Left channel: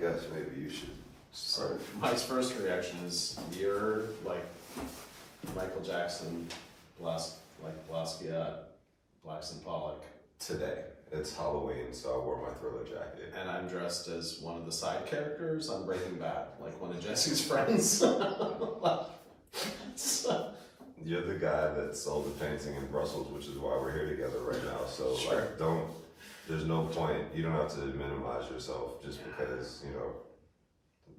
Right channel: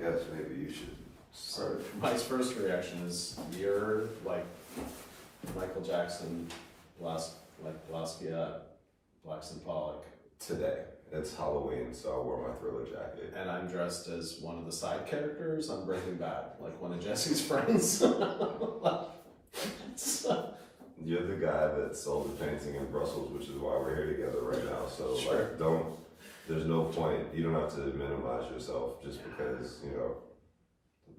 guess maybe you should start. So Mike's first reaction is you're like Michael Jackson, Blahsquiat, Blackson Pollock. Today. It's Halloween, so I wore my Thriller jacket. And I'm dressed as one of the side characters on Breaking Bad, like one of Jesse's friends. So, You're the guy that sold the painting in Brussels, which is why we're here together right now. So Sure. like, there's no point. You don't have to minimize yourself just because, you know,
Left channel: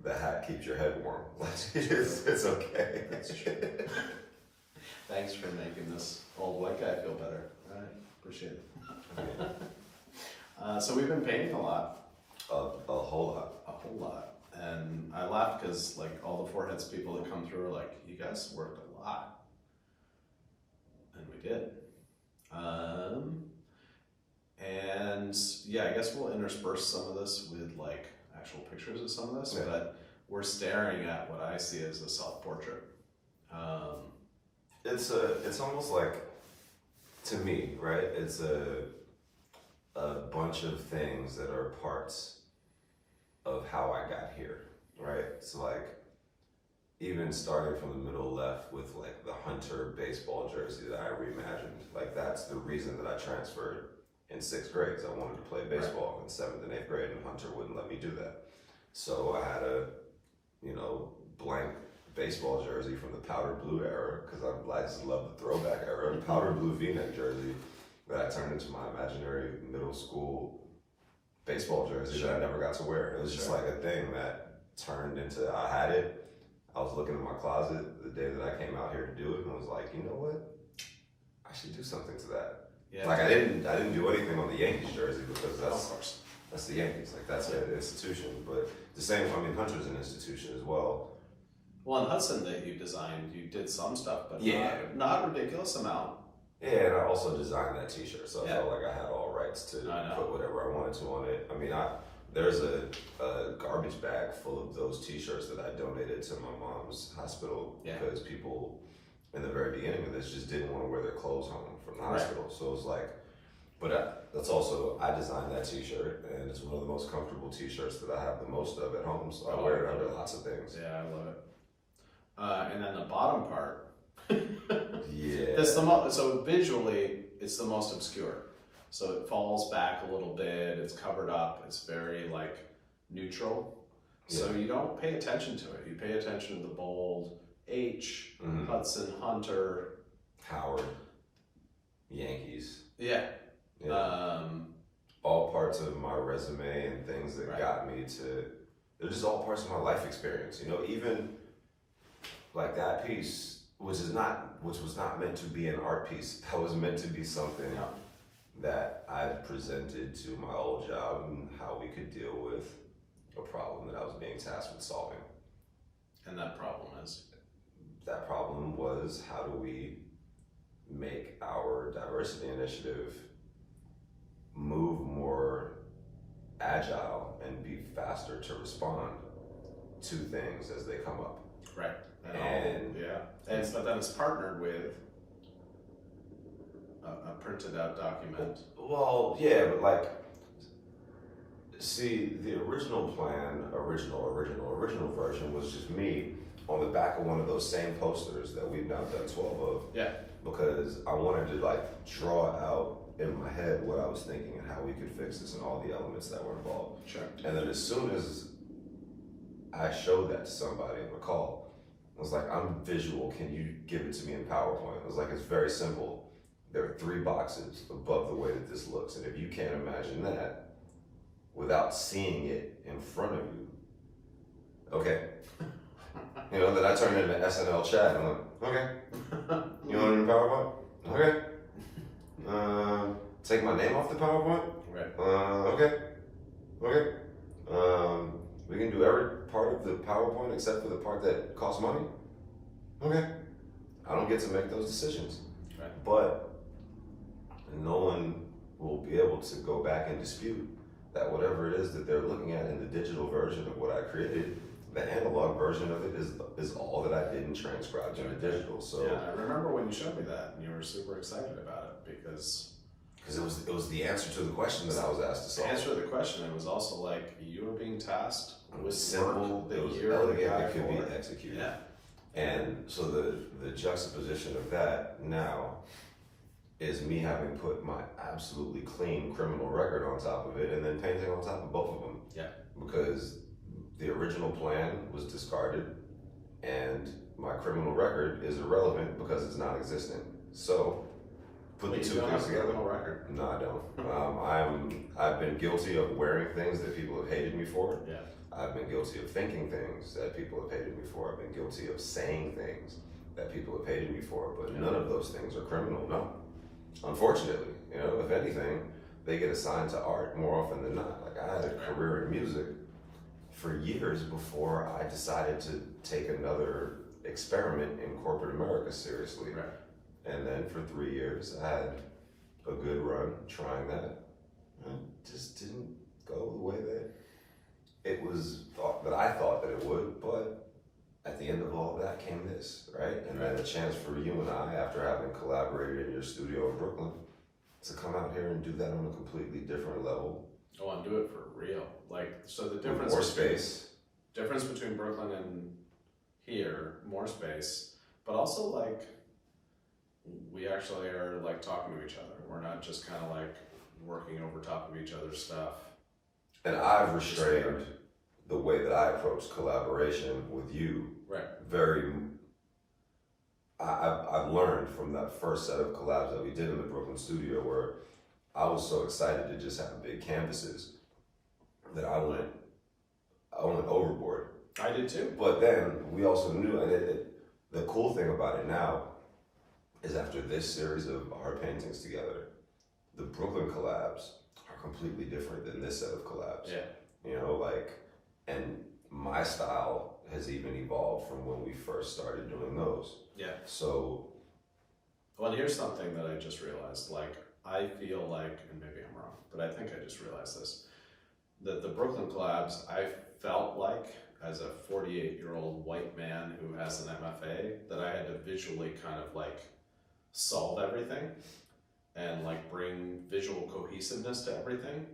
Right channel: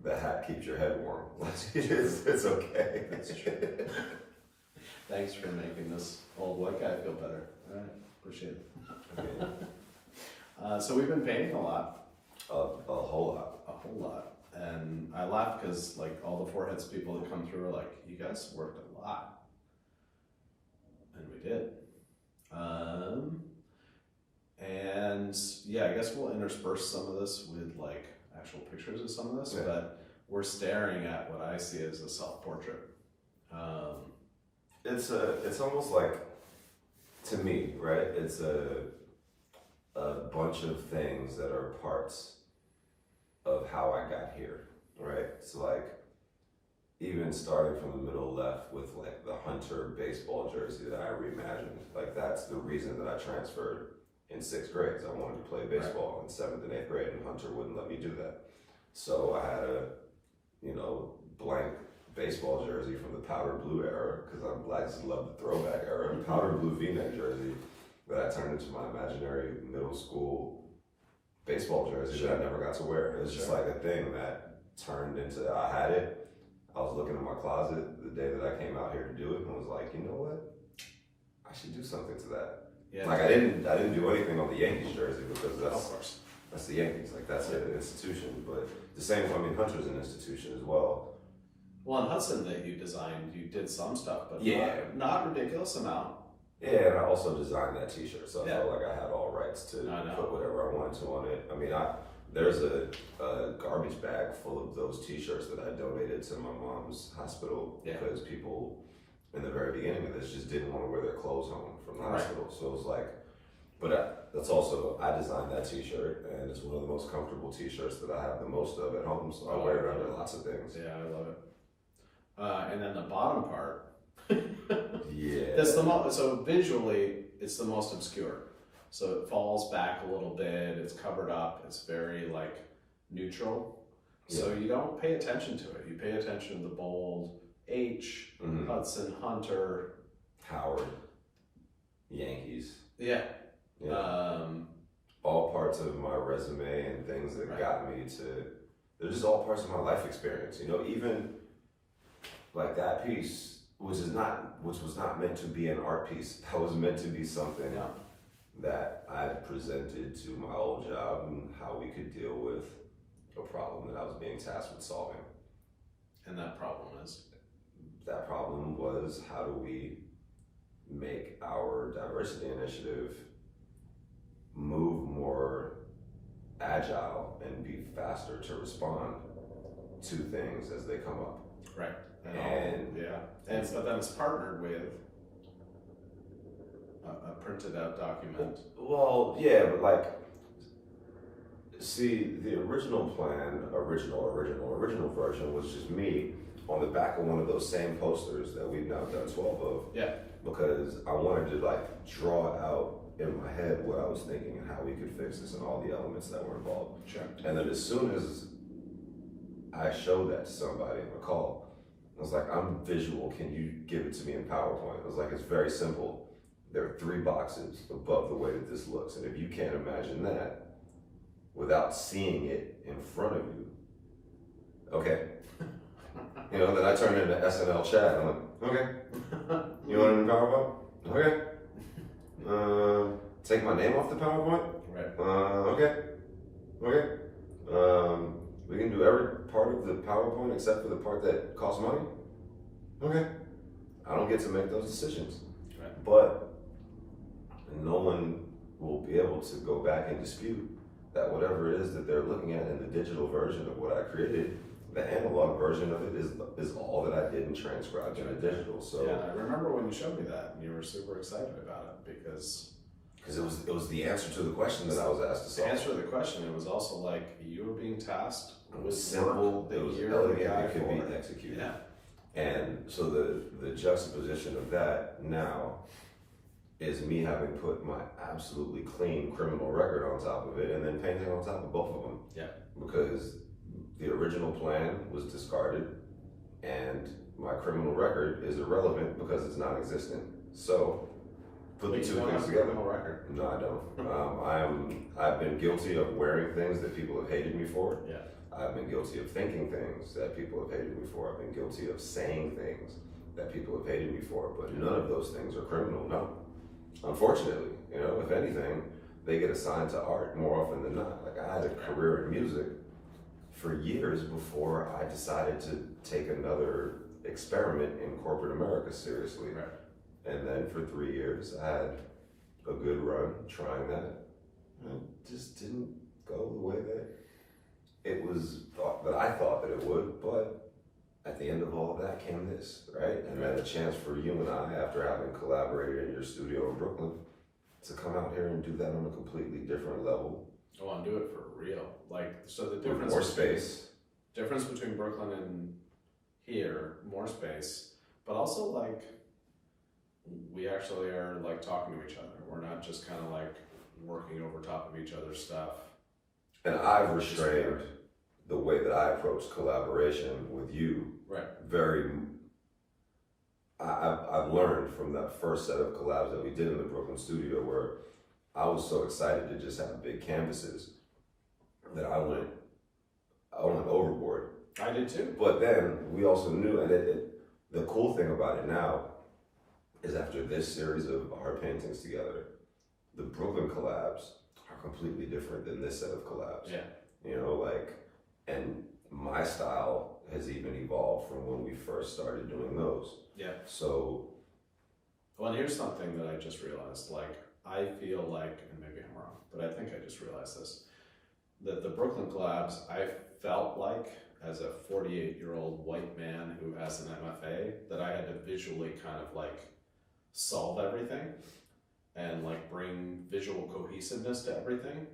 the hat keeps your head warm. It's okay. That's true. Thanks for making this old white guy feel better. All right, appreciate it. So we've been painting a lot. A whole lot. A whole lot. And I laugh because like all the foreheads people that come through are like, you guys worked a lot. And we did. And yeah, I guess we'll intersperse some of this with like actual pictures of some of this, but we're staring at what I see as a self-portrait. It's almost like, to me, right? It's a bunch of things that are parts of how I got here, right? So like, even starting from the middle left with like the Hunter baseball jersey that I reimagined, like that's the reason that I transferred in 6th grade. I wanted to play baseball in 7th and 8th grade, and Hunter wouldn't let me do that. So I had a, you know, blank baseball jersey from the powder blue era, because I just love the throwback era, powder blue V-neck jersey that I turned into my imaginary middle school baseball jersey that I never got to wear. It was just like a thing that turned into, I had it. I was looking in my closet the day that I came out here to do it and was like, you know what? I should do something to that. Yeah. Like I didn't do anything on the Yankees jersey because that's the Yankees. Like that's an institution. But the same, I mean, Hunter's an institution as well. Well, in Hudson that you designed, you did some stuff, but not a ridiculous amount. Yeah, and I also designed that T-shirt, so I felt like I had all rights to put whatever I wanted to on it. I mean, there's a garbage bag full of those T-shirts that I donated to my mom's hospital because people in the very beginning of this just didn't want to wear their clothes home from the hospital. So it was like, but that's also, I designed that T-shirt, and it's one of the most comfortable T-shirts that I have the most of at home, so I wear it under lots of things. Yeah, I love it. And then the bottom part. Yeah. That's so visually, it's the most obscure. So it falls back a little bit, it's covered up, it's very like neutral. So you don't pay attention to it. You pay attention to the bold H, Hudson, Hunter, Howard, Yankees. Yeah. All parts of my resume and things that got me to, they're just all parts of my life experience. You know, even like that piece, which was not meant to be an art piece. That was meant to be something that I presented to my old job and how we could deal with a problem that I was being tasked with solving. And that problem is? That problem was, how do we make our diversity initiative move more agile and be faster to respond to things as they come up. Right. And but then it's partnered with a printed out document. Well, yeah, but like, see, the original plan, original version was just me on the back of one of those same posters that we've now done 12 of. Yeah. Because I wanted to like draw out in my head what I was thinking and how we could fix this and all the elements that were involved. Sure. And then as soon as I showed that to somebody on the call, I was like, I'm visual, can you give it to me in PowerPoint? I was like, it's very simple. There are 3 boxes above the way that this looks. And if you can't imagine that without seeing it in front of you, okay. You know, then I turned into SNL chat. I'm like, okay. You want it in PowerPoint? Okay. Take my name off the PowerPoint? Right. Okay. Okay. We can do every part of the PowerPoint except for the part that costs money? Okay. I don't get to make those decisions. Right. But no one will be able to go back and dispute that whatever it is that they're looking at in the digital version of what I created, the analog version of it is all that I didn't transcribe to the digital. So yeah, I remember when you showed me that and you were super excited about it because it was the answer to the question that I was asked to solve. The answer to the question, it was also like you were being tasked It was simple, it was elegant, it could be executed. Yeah. And so the juxtaposition of that now is me having put my absolutely clean criminal record on top of it and then painting on top of both of them. Yeah. Because the original plan was discarded and my criminal record is irrelevant because it's non-existent. So put the two things together. Criminal record. No, I don't. I've been guilty of wearing things that people have hated me for. Yeah. I've been guilty of thinking things that people have hated me for. I've been guilty of saying things that people have hated me for, but none of those things are criminal, no. Unfortunately, you know, if anything, they get assigned to art more often than not. Like I had a career in music for years before I decided to take another experiment in corporate America seriously. Right. And then for 3 years, I had a good run trying that. And it just didn't go the way that it was thought that I thought that it would, but at the end of all of that came this, right? And then a chance for you and I, after having collaborated in your studio in Brooklyn, to come out here and do that on a completely different level. Oh, and do it for real. Like, so the difference more space. Difference between Brooklyn and here, more space, but also like we actually are like talking to each other. We're not just kind of like working over top of each other's stuff. And I've restrained the way that I approach collaboration with you. Right. I've learned from that first set of collabs that we did in the Brooklyn studio where I was so excited to just have big canvases that I went overboard. I did too. But then we also knew, and the cool thing about it now is after this series of art paintings together, the Brooklyn collabs are completely different than this set of collabs. Yeah. You know, like, and my style has even evolved from when we first started doing those. Yeah. So. Well, here's something that I just realized. Like, I feel like, and maybe I'm wrong, but I think I just realized this, that the Brooklyn collabs, I felt like, as a 48-year-old white man who has an MFA, that I had to visually kind of like solve everything and like bring visual cohesiveness to everything.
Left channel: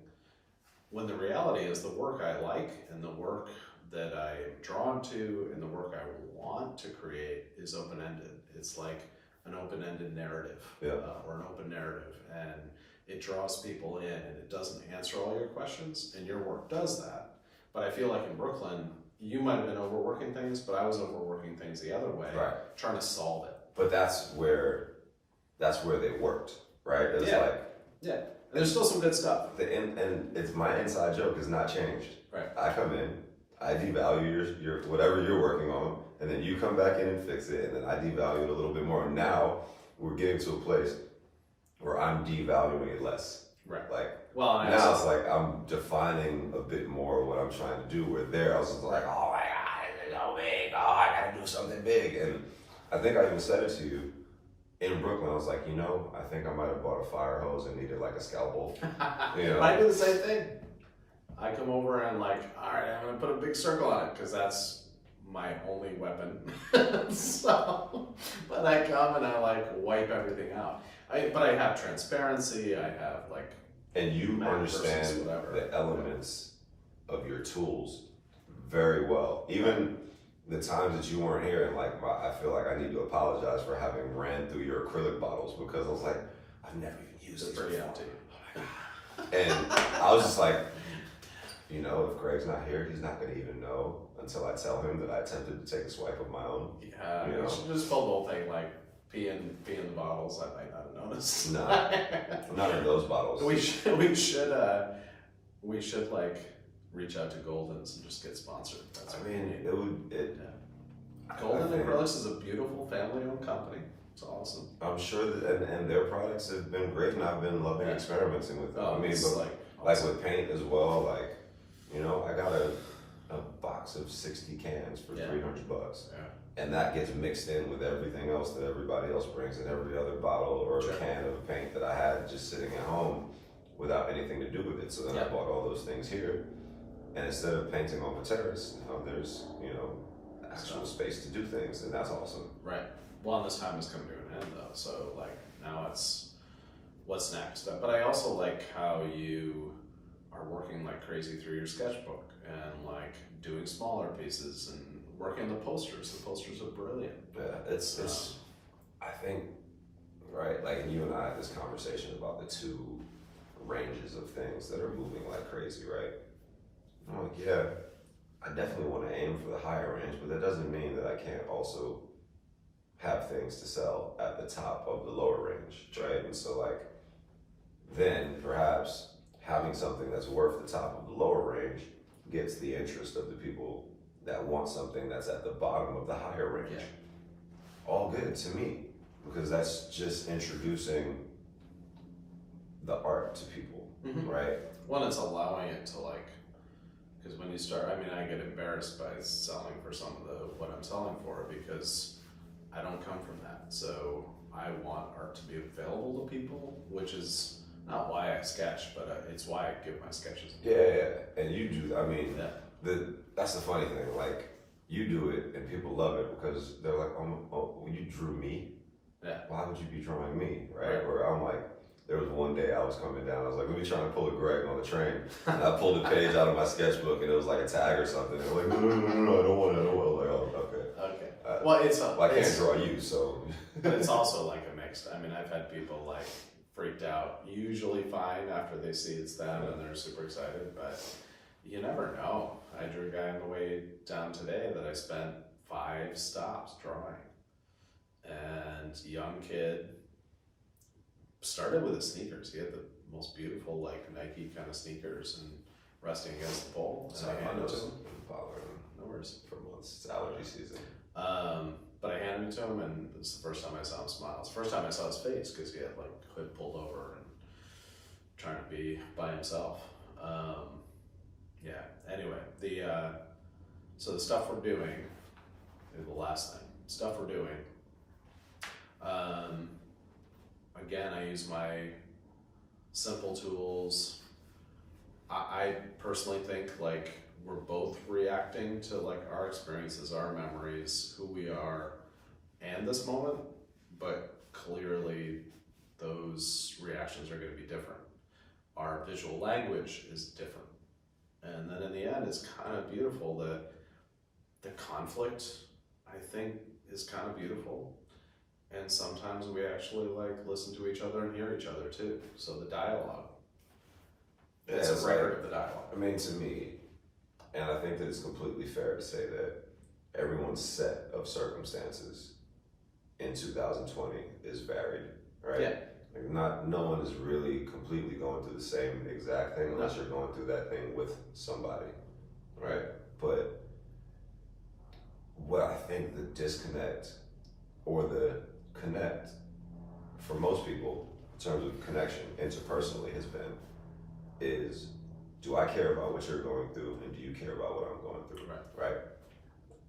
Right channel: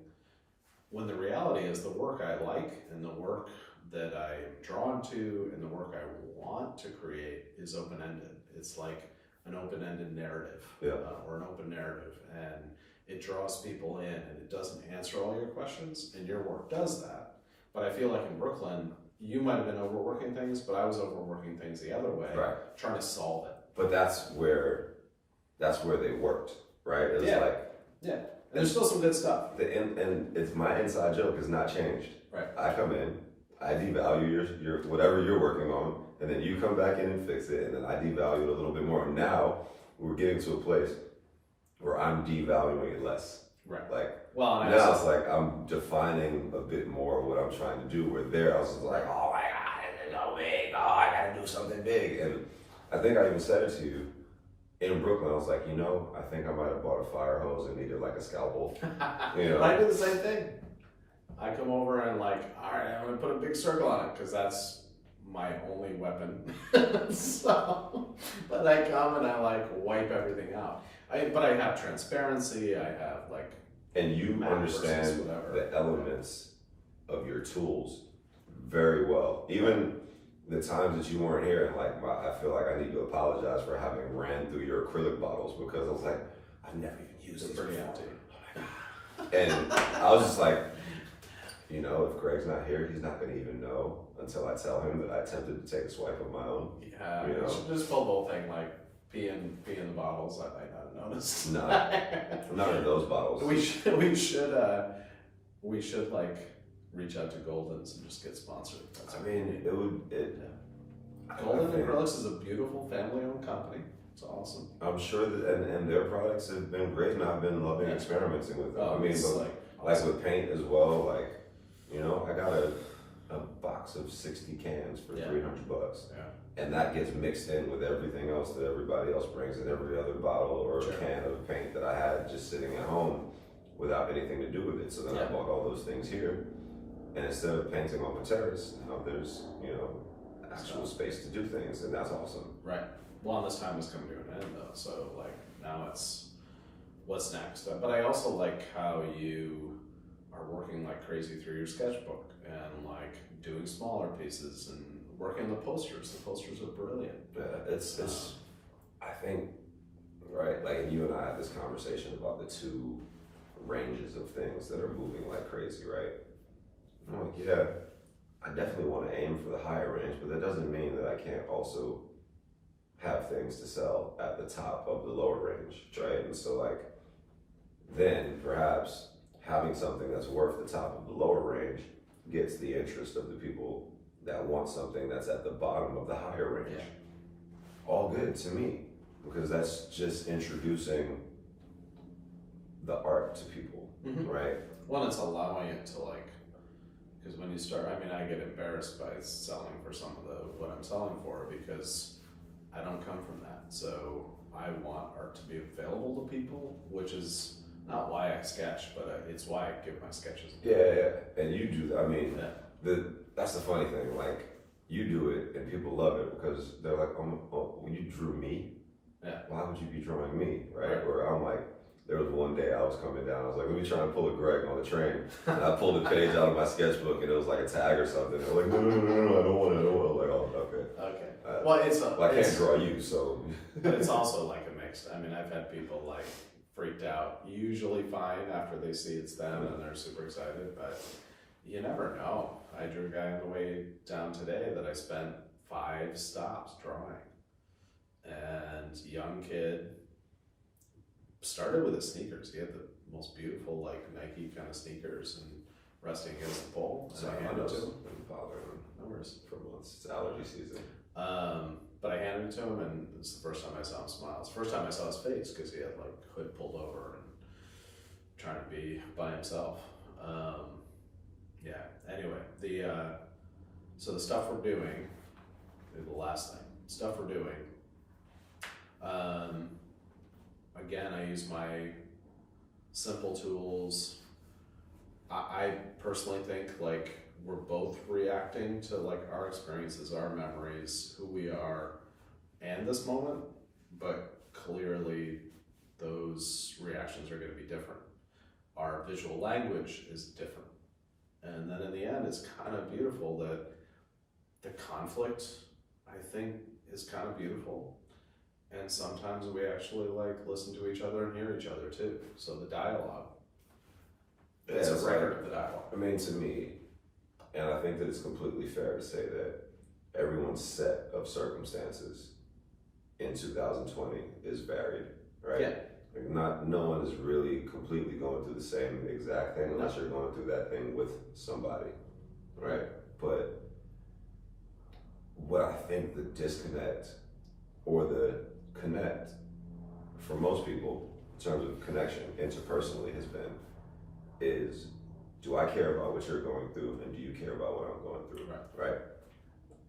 When the reality is the work I like and the work that I am drawn to and the work I want to create is open-ended. It's like an open-ended narrative, or an open narrative, and it draws people in and it doesn't answer all your questions, and your work does that. But I feel like in Brooklyn, you might have been overworking things, but I was overworking things the other way, trying to solve it. But that's where they worked, right? It was and there's still some good stuff. And it's my inside joke has not changed. Right. I come in, I devalue your whatever you're working on, and then you come back in and fix it, and then I devalue it a little bit more. And now we're getting to a place where I'm devaluing it less. Right. Like, well, now it's like I'm defining a bit more what I'm trying to do. Where there, I was just like, oh my God, it's so big. Oh, I gotta do something big. And I think I even said it to you in Brooklyn. I was like, you know, I think I might have bought a fire hose and needed like a scalpel. You know, I do the same thing. I come over and like, all right, I'm gonna put a big circle on it because that's my only weapon. So, but I come and I like wipe everything out. But I have transparency. I have like, and you understand the elements of your tools very well. Even the times that you weren't here, and like, I feel like I need to apologize for having ran through your acrylic bottles because I was like, I've never even used these pretty before. empty. And I was just like, you know, if Greg's not here, he's not gonna even know until I tell him that I attempted to take a swipe of my own. Yeah, you know? should just pull the whole thing like pee in the bottles. I might not have noticed. No, none of those bottles. We should like reach out to Golden's and just get sponsored. That's I mean, it would. Golden Acrylics is a beautiful family-owned company. It's awesome. I'm sure that, and their products have been great, and I've been loving experimenting with them. I mean, but like with paint as well, like, you know, I got a box of 60 cans for $300. Yeah. And that gets mixed in with everything else that everybody else brings in every other bottle or can of paint that I had just sitting at home without anything to do with it. So then I bought all those things here. And instead of painting on the terrace, now there's, you know, actual space to do things, and that's awesome. Right. Well, and this time is coming to an end though, so like now it's what's next. But I also like how you are working like crazy through your sketchbook and like doing smaller pieces and working the posters. The posters are brilliant. Yeah, it's I think, right, like, and you and I had this conversation about the two ranges of things that are moving like crazy, right? I'm like, yeah, I definitely want to aim for the higher range, but that doesn't mean that I can't also have things to sell at the top of the lower range, right? And so, like, then perhaps having something that's worth the top of the lower range gets the interest of the people that want something that's at the bottom of the higher range. Yeah. All good to me, because that's just introducing the art to people, right? One, it's allowing it to like, because when you start, I mean, I get embarrassed by selling for some of what I'm selling for because I don't come from that. So I want art to be available to people, which is not why I sketch, but it's why I give my sketches. Yeah, and you do. I mean, Yeah. that's the funny thing. Like, you do it, and people love it because they're like, "Oh, well, you drew me. Yeah. Why would you be drawing me?" Right? Where I'm like, there was one day I was coming down. I was like, "Let me try to pull a Greg on the train." And I pulled a page out of my sketchbook, and it was like a tag or something. They're like, "No, I don't want it. I don't want it." Like, oh, okay. Okay. Well, it's I can't draw you, so. But it's also like a mix. I mean, I've had people like freaked out, usually fine after they see it's them and they're super excited, but you never know. I drew a guy on the way down today that I spent 5 stops drawing. And young kid started with his sneakers. He had the most beautiful like Nike kind of sneakers and resting against the pole. So And I I handed it to know him. No worries. for months. It's allergy season. But I handed it to him, and it's the first time I saw him smile. It's the first time I saw his face because he had like hood pulled over and trying to be by himself. Yeah. Anyway, so the stuff we're doing, the last thing, stuff we're doing. Again, I use my simple tools. I personally think like we're both reacting to like our experiences, our memories, who we are, and this moment, but clearly those reactions are going to be different. Our visual language is different. And then in the end, it's kind of beautiful that the conflict, I think, is kind of beautiful. And sometimes we actually like listen to each other and hear each other too. So the dialogue, it's a record of the dialogue. I mean, to me, and I think that it's completely fair to say that everyone's set of circumstances in 2020 is varied, right? Yeah. Like no one is really completely going through the same exact thing unless you're going through that thing with somebody, right? But what I think the disconnect or the connect for most people in terms of connection interpersonally has been is, do I care about what you're going through and do you care about what I'm going through, right?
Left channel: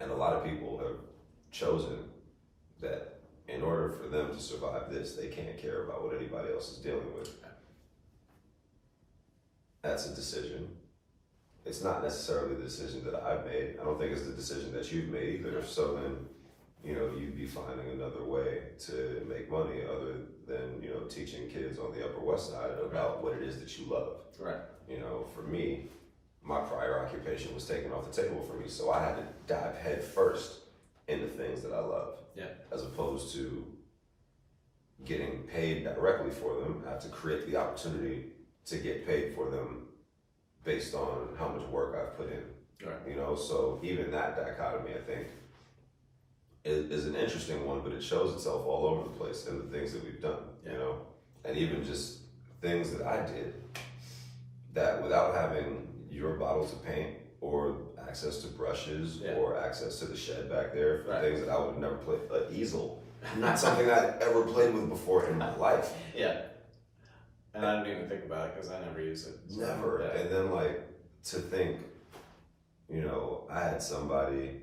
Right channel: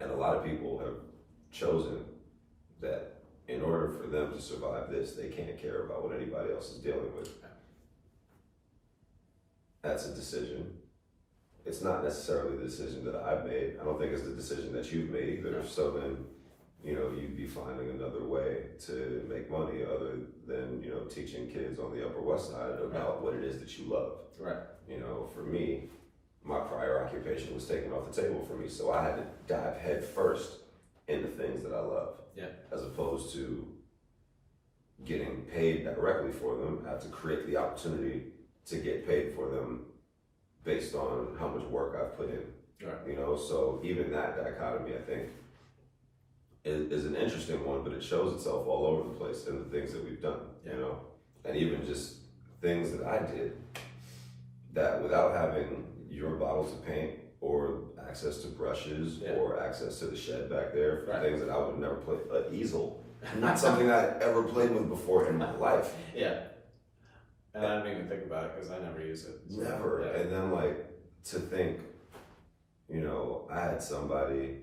And a lot of people have chosen that in order for them to survive this, they can't care about what anybody else is dealing with. That's a decision. It's not necessarily the decision that I've made. I don't think it's the decision that you've made either. So then, you'd be finding another way to make money other than, teaching kids on the Upper West Side about what it is that you love. Right. For me, my prior occupation was taken off the table for me. So I had to dive head first into things that I love. Yeah. As opposed to getting paid directly for them, I have to create the opportunity to get paid for them based on how much work I've put in. Right. So even that dichotomy, I think, is an interesting one, but it shows itself all over the place in the things that we've done, and even just things that I did that without having your bottles of paint or access to brushes or access to the shed back there for things that I would have never played. An easel, not something I'd ever played with before in my life. Yeah. And I don't even think about it because I never use it. So Never. And then to think, I had somebody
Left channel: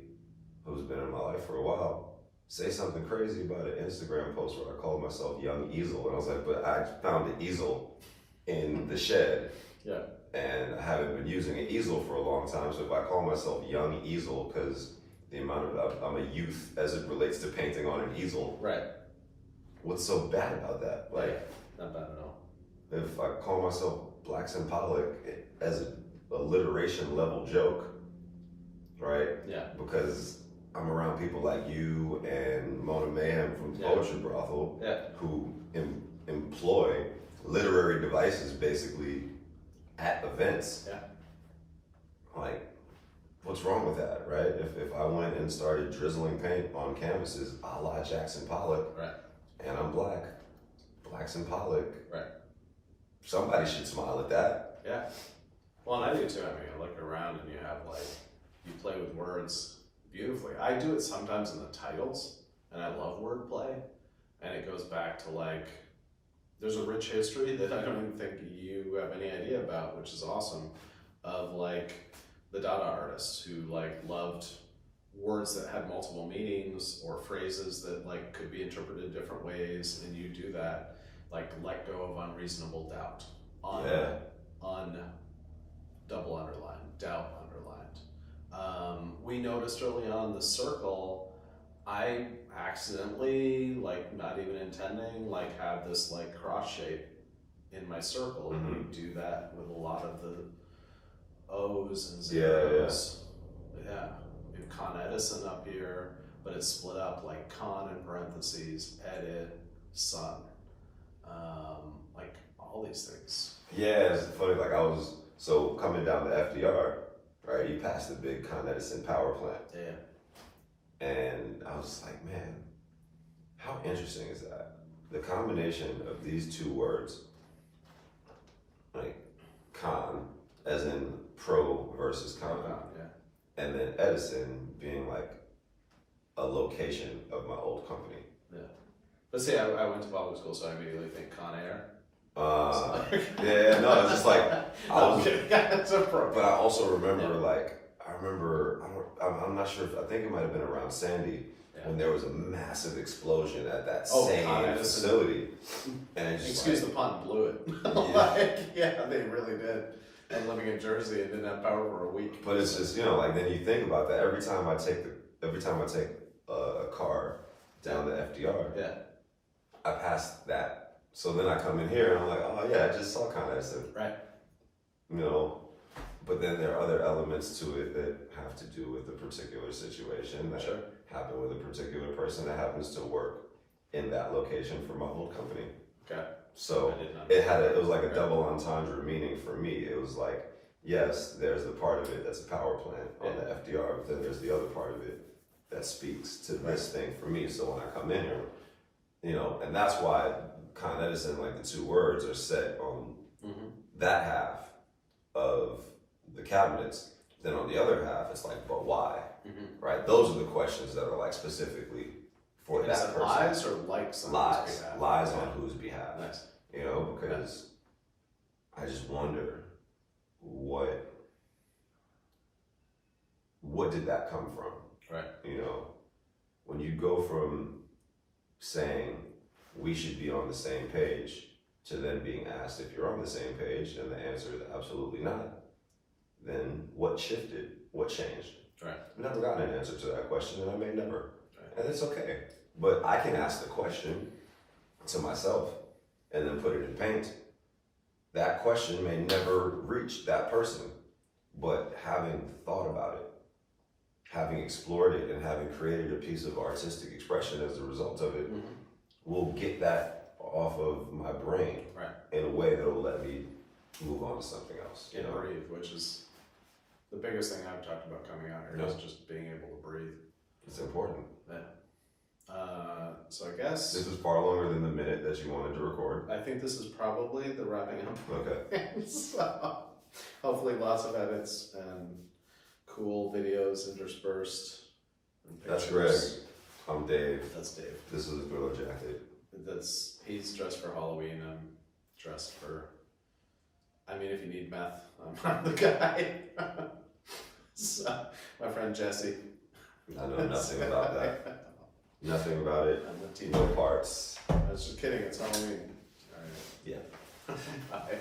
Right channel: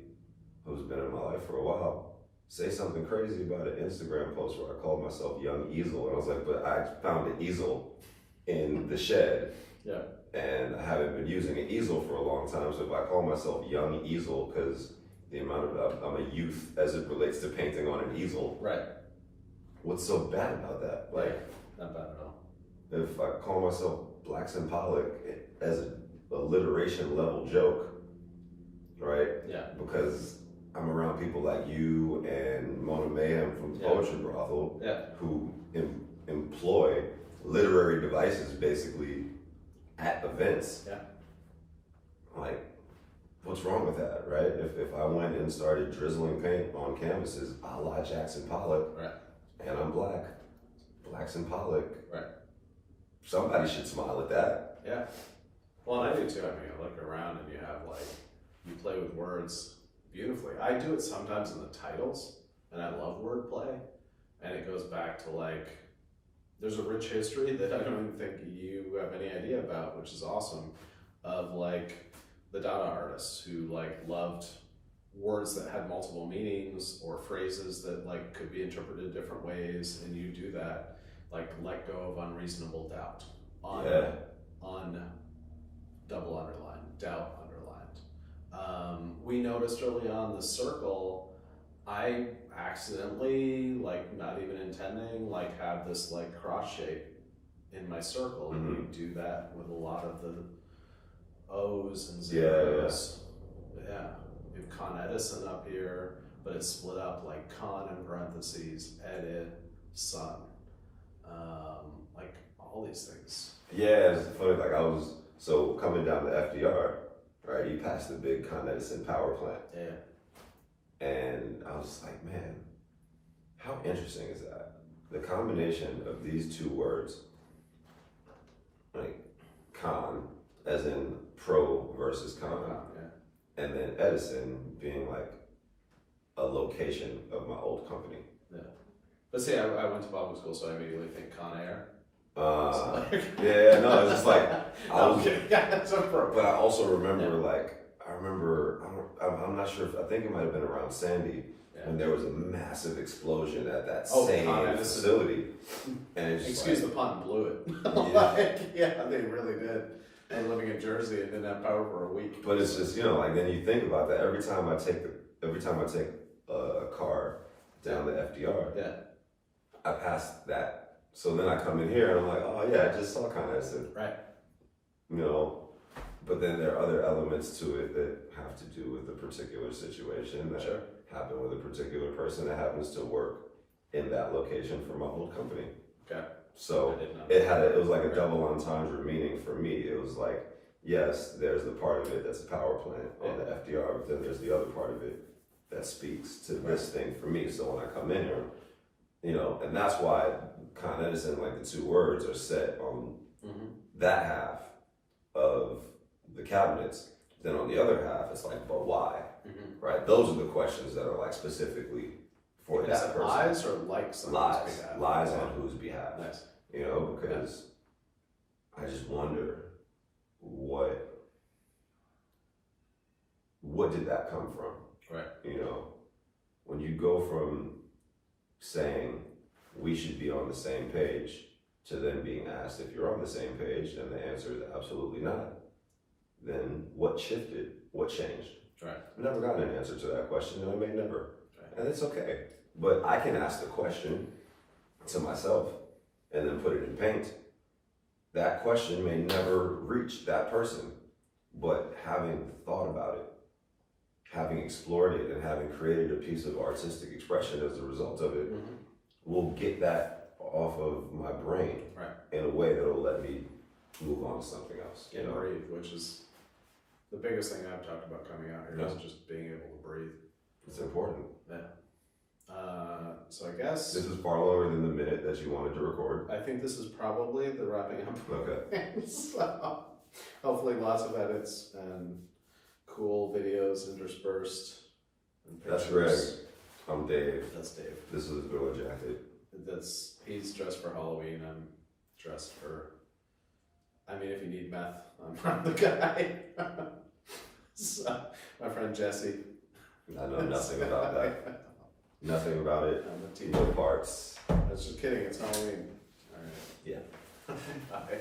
who's been in my life for a while say something crazy about an Instagram post where I called myself Young Easel. And I was like, but I found an easel in the shed. Yeah. And I haven't been using an easel for a long time, so if I call myself Young Easel, because the amount of I'm a youth as it relates to painting on an easel. Right. What's so bad about that? Not bad at all. if I call myself Black Symbolic as a alliteration level joke, right? Yeah. Because I'm around people like you and Mona Mayhem from the Poetry Brothel, who employ literary devices basically at events. Yeah. Like, what's wrong with that, right? If I went and started drizzling paint on canvases a la Jackson Pollock, right, and I'm Black Symbolic, right, somebody should smile at that. Yeah. Well, and I do too. I mean, I look around and you have like, you play with words beautifully. I do it sometimes in the titles, and I love wordplay, and it goes back to like, there's a rich history that I don't even think you have any idea about, which is awesome, of like the Dada artists who like loved words that had multiple meanings or phrases that like could be interpreted different ways, and you do that, like let go of unreasonable doubt. Double underlined, doubt underlined. We noticed early on the circle, I accidentally, like not even intending, like have this like cross shape in my circle, and you do that with a lot of the O's and zeros. Yeah. We have Con Edison up here, but it's split up like con in parentheses, edit, sun. Like all these things. Yeah, it's funny, like so coming down to FDR, right, you passed the big Con Edison power plant. Yeah. And I was like, man, how interesting is that? The combination of these two words, like con, as in pro versus con, yeah. and then Edison being like a location of my old company. Yeah. But see, I went to public school, so I immediately think Con Air. Yeah, no, it's just like that's appropriate. But I also remember, I'm not sure I think it might have been around Sandy when there was a massive explosion at that same facility. And it's just excuse the pun, blew it. They really did. I'm living in Jersey and didn't have power for a week. But it's just, like then you think about that every time I take a car down to FDR, I pass that. So then I come in here and I'm like, oh yeah, I just saw Con Edison. Right. But then there are other elements to it that have to do with the particular situation that happened with a particular person that happens to work in that location for my old company. Okay. So it was like a double entendre meaning for me. It was like, yes, there's the part of it that's a power plant on the FDR, but then there's the other part of it that speaks to this thing for me. So when I come in here, and that's why Con Edison, like the two words are set on that half of the cabinets. Then on the other half, it's like, but why? Right? Those are the questions that are like specifically for that person. Lies or likes on whose behalf? Lies on whose behalf. Nice. Because I just wonder what did that come from? Right. When you go from saying we should be on the same page to then being asked if you're on the same page and the answer is absolutely not, then what shifted? What changed? Right. I've never gotten an answer to that question, and I may never. Right. And it's okay. But I can ask the question to myself and then put it in paint. That question may never reach that person, but having thought about it, having explored it, and having created a piece of artistic expression as a result of it, will get that off of my brain in a way that will let me move on to something else. And breathe, which is the biggest thing I've talked about coming out here is just being able to breathe. It's important. Yeah. So I guess this was far longer than the minute that you wanted to record. I think this is probably the wrapping up. Okay. So hopefully lots of edits and cool videos interspersed. And that's Greg. I'm Dave. That's Dave. This is a Gorilla Jacket. He's dressed for Halloween. I'm dressed for. I mean, if you need meth, I'm the guy. So, my friend Jesse. I know nothing about that. Nothing about it. I'm the team. No parts. I was just kidding. It's Halloween. All right. Yeah. Bye.